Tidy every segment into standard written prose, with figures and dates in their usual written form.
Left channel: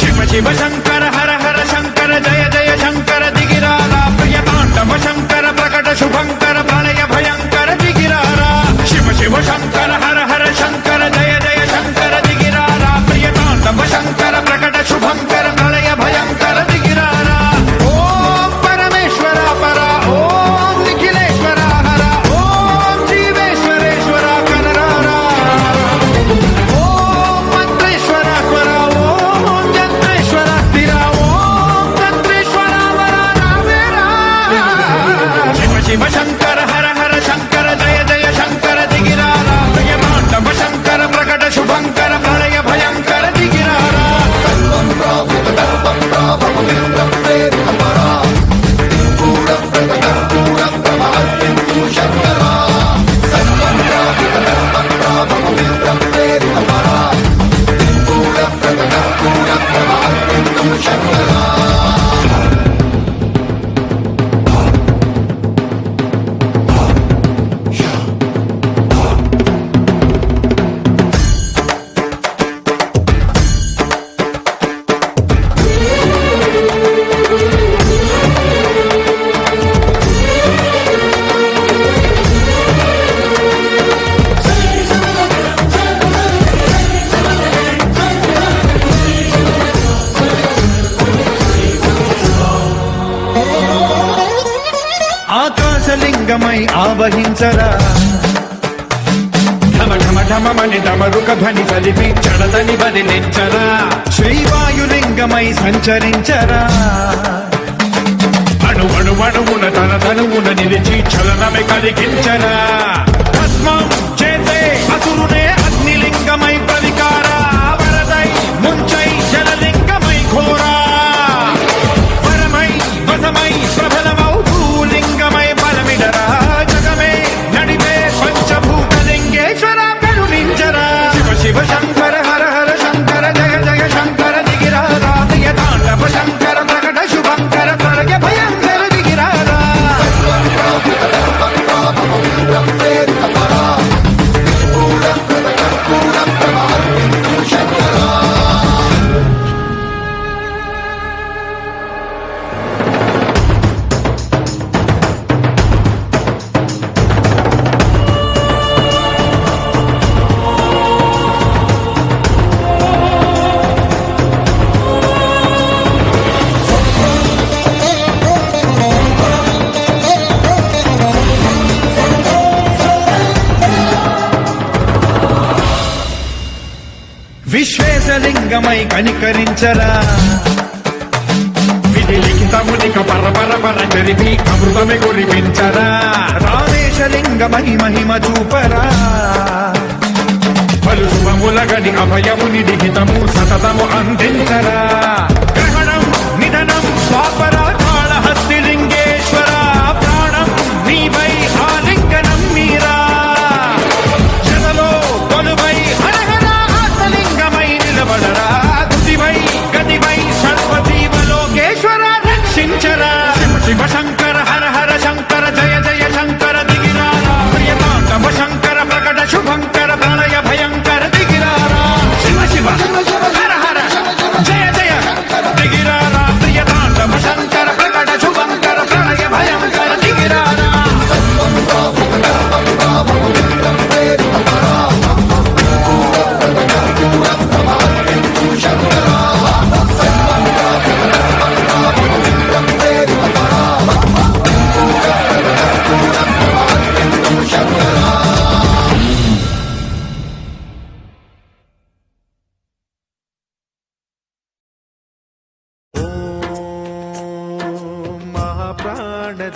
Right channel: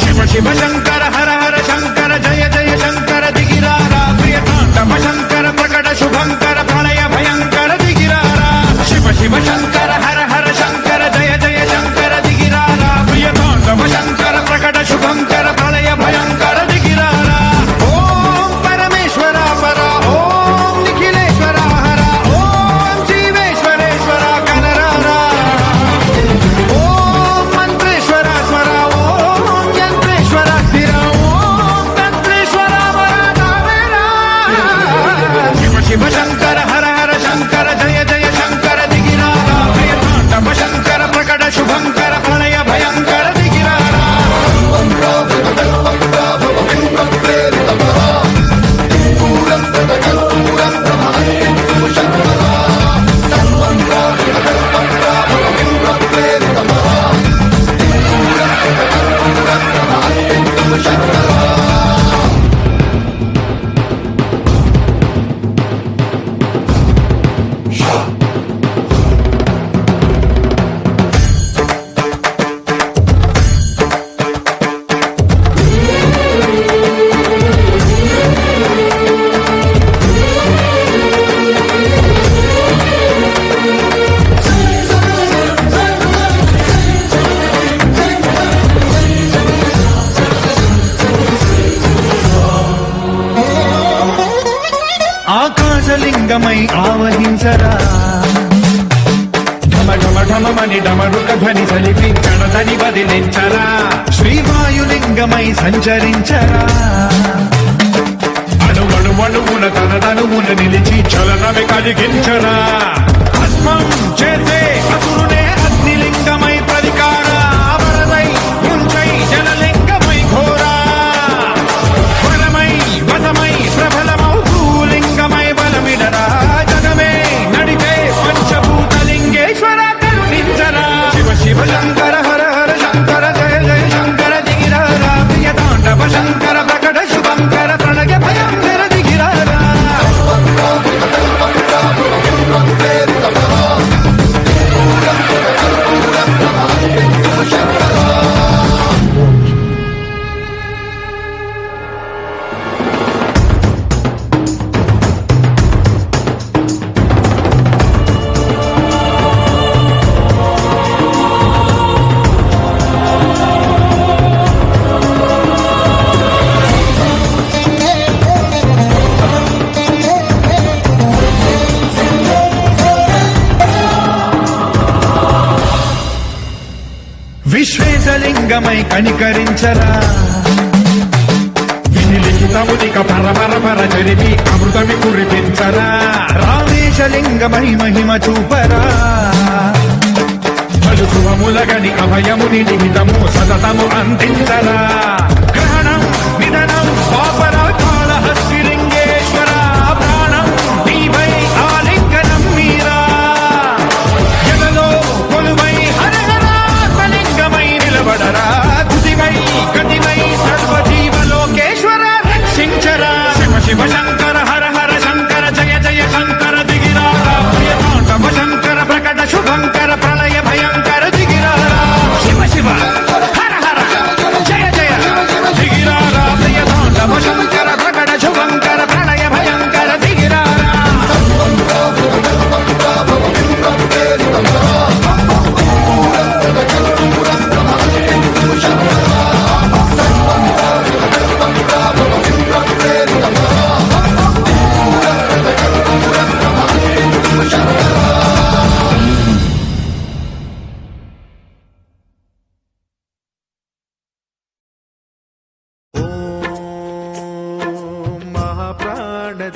शिव शिव शंकर हर हर शंकर जय जय शंकर दिगिरारा प्रिय तांडव शंकर प्रकट शुभंकर प्रलय भयंकर दिगिरारा शिव शिव शंकर हर हर शंकर जय जय शंकर दिगिरारा प्रिय तांडव शंकर प्रकट शुभंकर प्रलय भयंकर दिगिरारा ओम परमेश्वरा पर ओम निखिलेश्वरा हर ओम जीवेश्वरेश्वर कररा ओम मंत्रेश्वर स्वर ओम यंत्रेश्वर स्थिर ओम तंत्रेश्वर वरदावेरा शिव शिव शंकर हर हर शंकर जय जय शंकर दिगिरारा प्रिय तांडव शंकर प्रकट शुभंकर प्रलय भयंकर दिगिरारा ఆకాశలింగమై ఆవహించరా ఢమ ఢమ ఢమమని డమరుక ధ్వని సలిపి చడదని వదిలించరా శ్రీవాయులింగమై సంచరించరా అణువణువున తన తనువున నిలిచి చలనమే కలిగించరా భస్మం చేసే అసురునే అగ్నిలింగమై ప్రతికార వరదై ముంచై జలలింగమై ఘోరా వరమై వదమై ప్రబలమౌ లింగమై బలమిడరా జగమే నడిపే పంచభూతలింగేశ్వర కరుణించరా శివ శివ శంకర హర హర శంకర జయ జయ శంకర దిగిరారా ప్రియ తాండవ శంకర ప్రకట శుభంకర ప్రళయ భయంకర దిగిరారా విశ్వేశలింగమై కనికరించరా విధి లిఖితమునిక పరపర పర చరిపి అమృతమి కురిపించరా రామేశలింగమై మహిమ చూపరా పలు శుభములగని అభయముని లిఖితము సతతము అందించరా గ్రహణం నిధనం పాపరా కాళహస్తి లింగేశ్వర ప్రాణం నీవై ఆలింగనం మీరా జలలో కొలువై నిలబడరా తుదివై గతివై సర్వజీవలోకేశ్వర రక్షించరా శివ శివ శంకర హర హర శంకర జయ జయ శంకర దిగిరారా ప్రియ తాండవ శంకర ప్రకట శుభంకర ప్రళయ భయంకర దిగిరారా శివ శివ హర హర జయ జయ దిగిరారా ప్రియ తాండవ శంకర ప్రకట శుభంకర ప్రళయ భయంకర దిగిరారా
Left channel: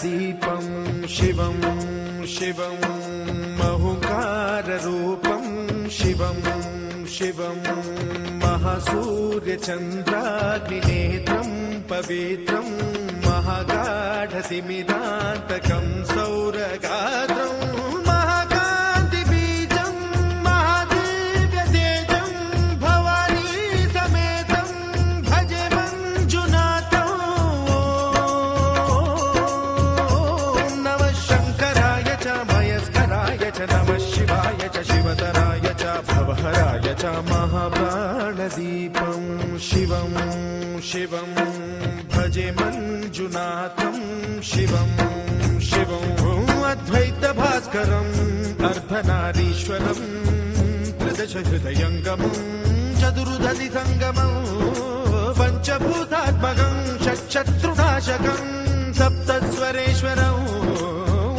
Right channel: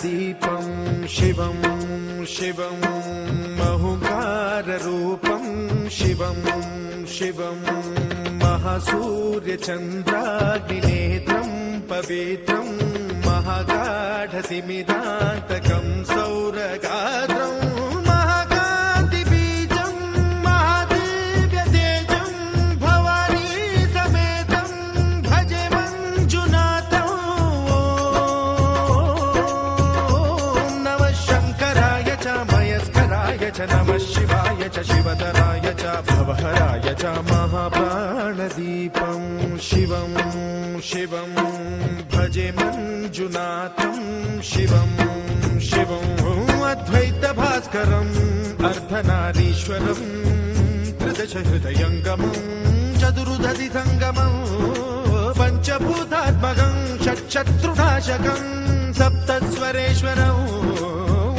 దీపం శివం శివం మహుకారరూపం శివం శివం మహాసూర్యచంద్రాగ్నినేత్రం పవిత్రం మహాగాఢతిమిదాంతకం సౌరగాత్రం మహాకాంతిబీజం మహాదివ్యతేజం భవానీ సమేతం భజే మంజునాథం ఓం నమః శంకరాయ చ మయస్కరాయ च नमः शिवाय च शिवतराय च भवहराय च महाप्राणदीपं शिवं शिवं भजे मञ्जुनाथं शिवं शिवं अद्वैतभास्करम् अर्धनारीश्वरम् त्रिदश हृदयङ्गमं चतुर्दधि सङ्गमं पञ्चभूतात्मकं षट्शत्रुनाशकं सप्तस्वरेश्वरं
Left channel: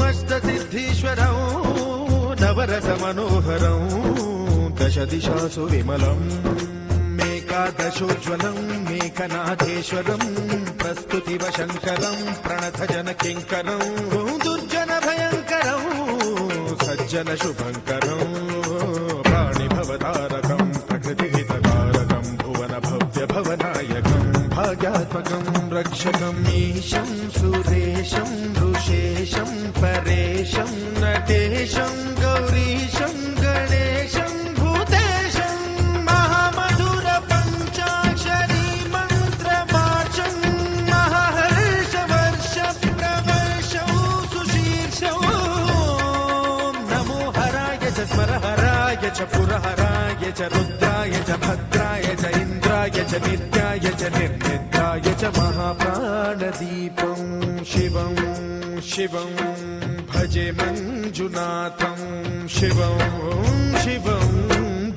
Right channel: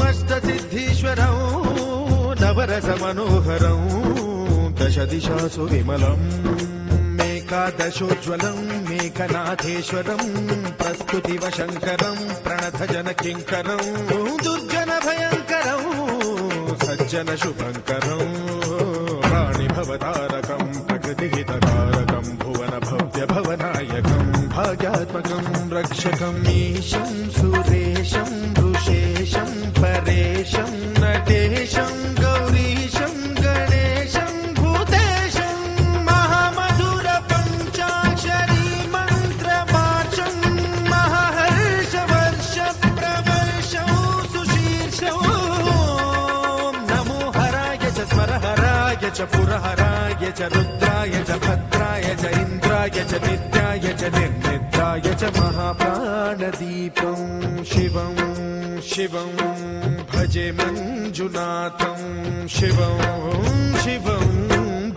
अष्टसिद्धीश्वरं नवरसमनोहरं दश दिशासु विमलम् एकादशोज्ज्वलं मेघनाथेश्वरं प्रस्तुतिव शङ्करं प्रणतजनकिङ्करं दुर्जनभयङ्करं सज्जन शुभङ्करं प्राणिभवतारकं प्रकृतिहितकारकं भुवन भव्य भवनायकं भाग्यात्मकं रक्षकं ईशं सुरेशं ऋषेशं परेशं नटेशं गौरीशं गणेशं भूतेशं महामधुर पञ्चाक्षरी मन्त्रमार्चं महाहर्षवर्ष प्रवर्षं सुशीर्षं नमो हराय च स्मरहराय च पुरहराय च रुद्राय च भद्राय च इन्द्राय च नित्याय च निर्निद्राय च महाप्राणदीपं शिवं शिवं भजे मञ्जुनाथं शिवं शिवं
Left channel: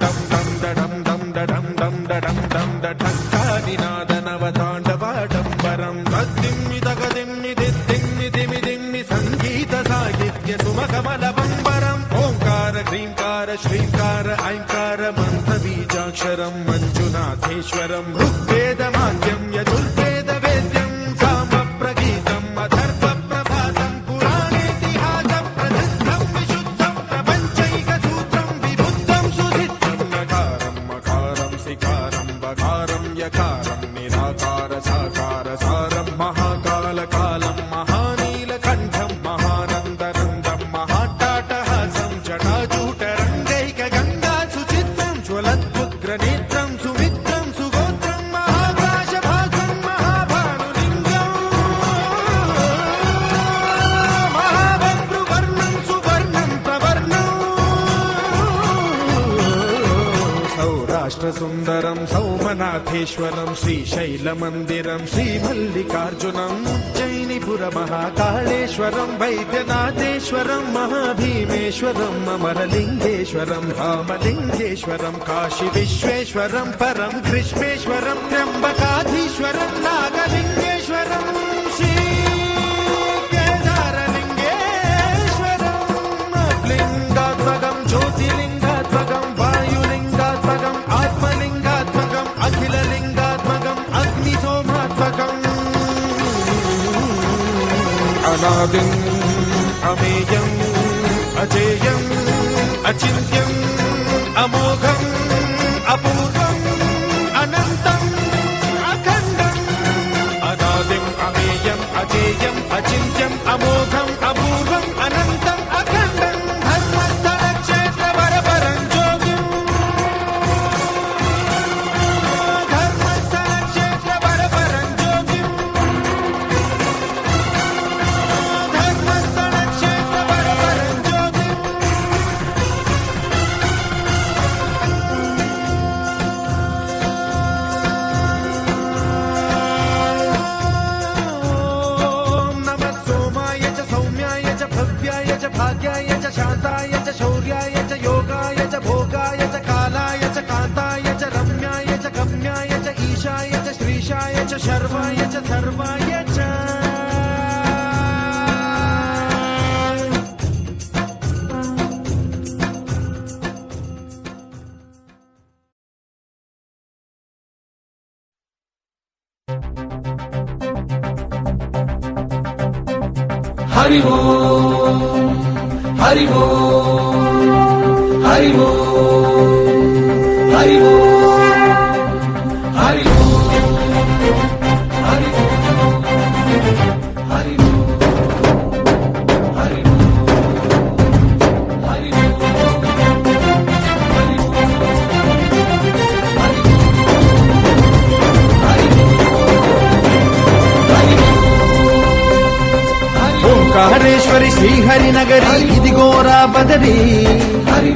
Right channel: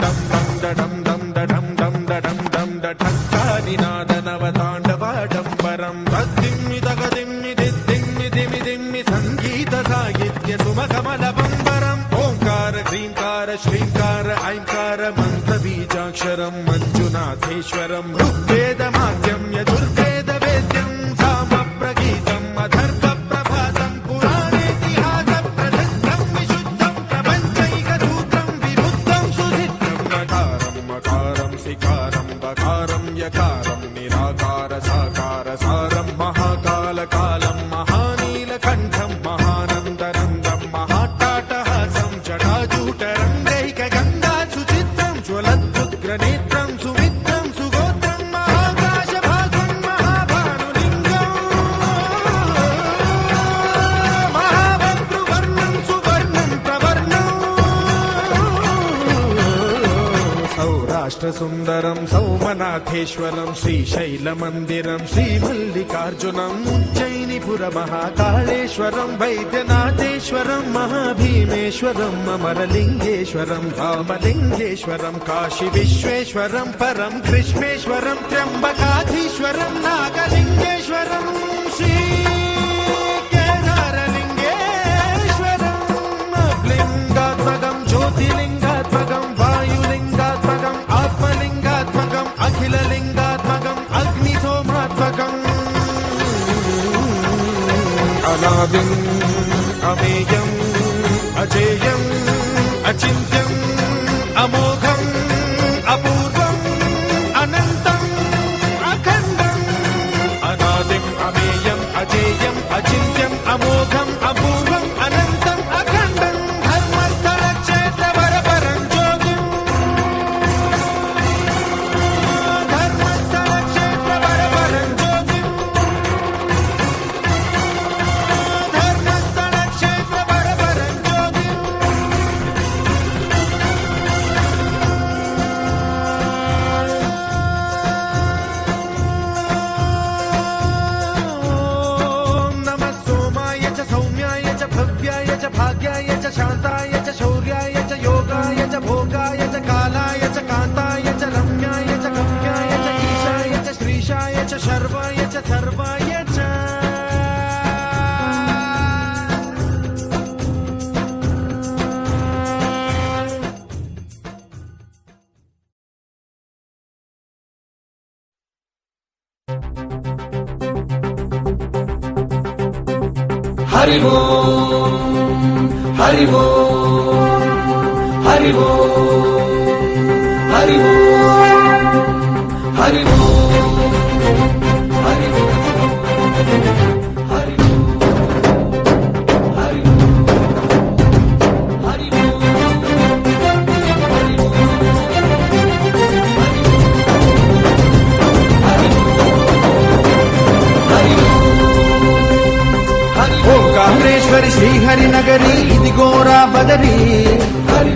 दं दं दडं दं दडं दं दडं दं दठक्कानिनादनवताण्डवाडम्बरं तद्दिम्मि तगदिम्मि दिद्दिम्मि दिमि दिम्मि सङ्गीतसाहित्य सुमकमलबम्बरम् ओङ्कार ह्रीङ्कार श्रीङ्कार ऐङ्कार मन्त्रबीजाक्षरं मञ्जुनाथेश्वरं ऋग्वेदमाद्यं यजुर्वेदवेद्यं सामप्रगीतम् अथर्वप्रभातं पुराणेतिहासप्रसिद्धं विशुद्धं प्रपञ्चैकसूत्रं विबुद्धं सुसिद्धं नकारं मकारं सिकारं बकारं यकारं निराकार साकार सारं महाकालकालं महानीलकण्ठं महानन्दनन्दं महाट्टाटहासं जटाजूटरङ्गैकगङ्गा सुचित्रं ज्वलद्वुग्रनेत्रं सुमित्रं सुगोत्रं महाकाशभासं महाभानुलिङ्गं महाभद्रुवर्णं सुवर्णं प्रवर्णं सौराष्ट्रसुन्दरं सौमनाथेश्वरं श्रीशैलमन्दिरं श्रीमल्लिकार्जुनम् उज्जयिनीपुरमहाकाळेश्वरं वैद्यनाथेश्वरं महाभीमेश्वरम् अमरलिङ्गेश्वरं रामलिङ्गेश्वरं काशीविश्वेश्वरं परं कृष्णेश्वरं त्र्यम्बकाधीश्वरं नागलिङ्गेश्वरं श्रीकेदारलिङ्गेश्वरं लिङ्गात्मकं ज्योतिलिङ्गात्मकं वायुलिङ्गात्मकम् आत्मलिङ्गात्मकम् अखिललिङ्गात्मकम् अग्निसोमात्मकम् अनादिम् अमेयम् अजेयम् अचिन्त्यम् अमोघम् अपूर्वम् अनन्तम् अखण्डम् अनादिम् अमेयम् अजेयम् अचिन्त्यम् अमोघम् अपूर्वम् अनन्तम् अखण्डम् धर्मस्थलक्षेत्रवरपरं ज्योतिम् धर्मस्थलक्षेत्रवरपरं ज्योतिम् धर्मस्थलक्षेत्रवरपरं ज्योतिम् ॐ नमः सोमाय च सौम्याय च भव्याय च भाग्याय च शान्ताय च शौर्याय च योगाय च भोगाय च कालाय च कान्ताय च रम्याय च गम्याय च ईशाय च श्रीशाय च शर्वाय च सर्वाय च हरि ओम हरि ओम हरि ओम हरि ओम हरि ओम हरि ओम हरि ओम हरि ఓంకారేశ్వరి శ్రీహరి నగరి ఇదిగోరా బదరి హరి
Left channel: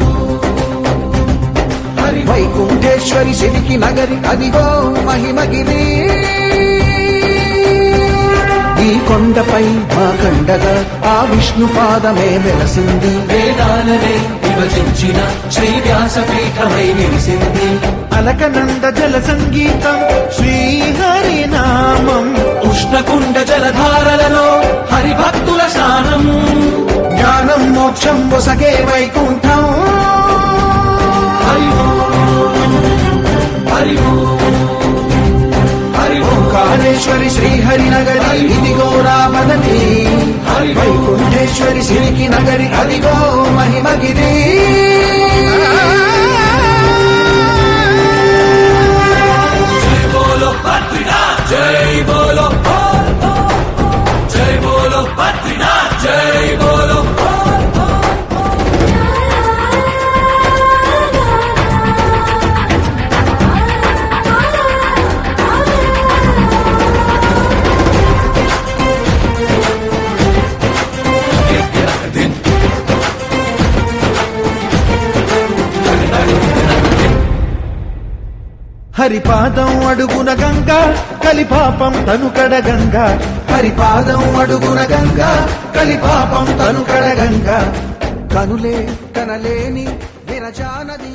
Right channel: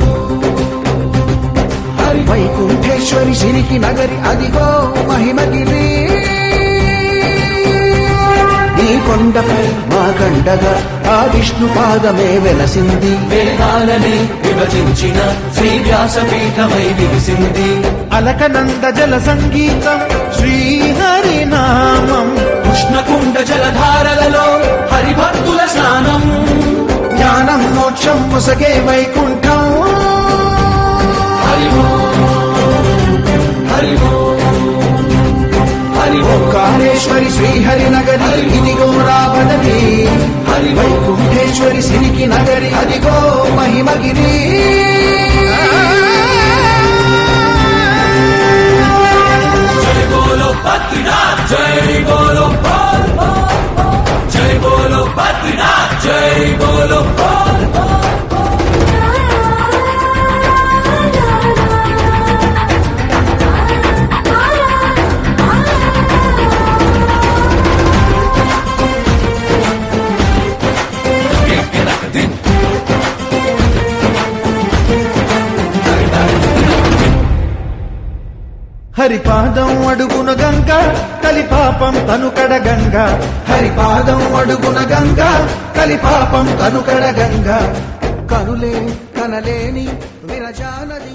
హరి వైకుంఠేశ్వరి సిరికి నగరి అదిగో మహిమగిరి ఈ కొండపై వాగండగా ఆ విష్ణు పాదమే వెలసింది వేదాలని విభజించిన శ్రీ వ్యాసపీఠమై విరిసింది అలకనంద జల సంగీతం శ్రీహరి నామం కృష్ణకుండ జలధారలలో హరిభక్తుల స్నానం జ్ఞానం మోక్షం ఒసగే వైకుంఠం హరి హరి హరి ఓంకారేశ్వరి శ్రీహరి నగరి ఇదిగో రావణది హరి వైకుంఠేశ్వరి సిరికి నగరి అదిగో మహిమగిరి జై బోలో బద్రీనాథ్ జై బోలో జై బోలో బద్రీనాథ్ జై బోలో హరిపాదం అడుగున గంగా కలిపాపం తనుకడ గంగా హరిపాదం అడుగున గంగా కలిపాపం తనుకడ గంగా కరులే కరలేని విరచానది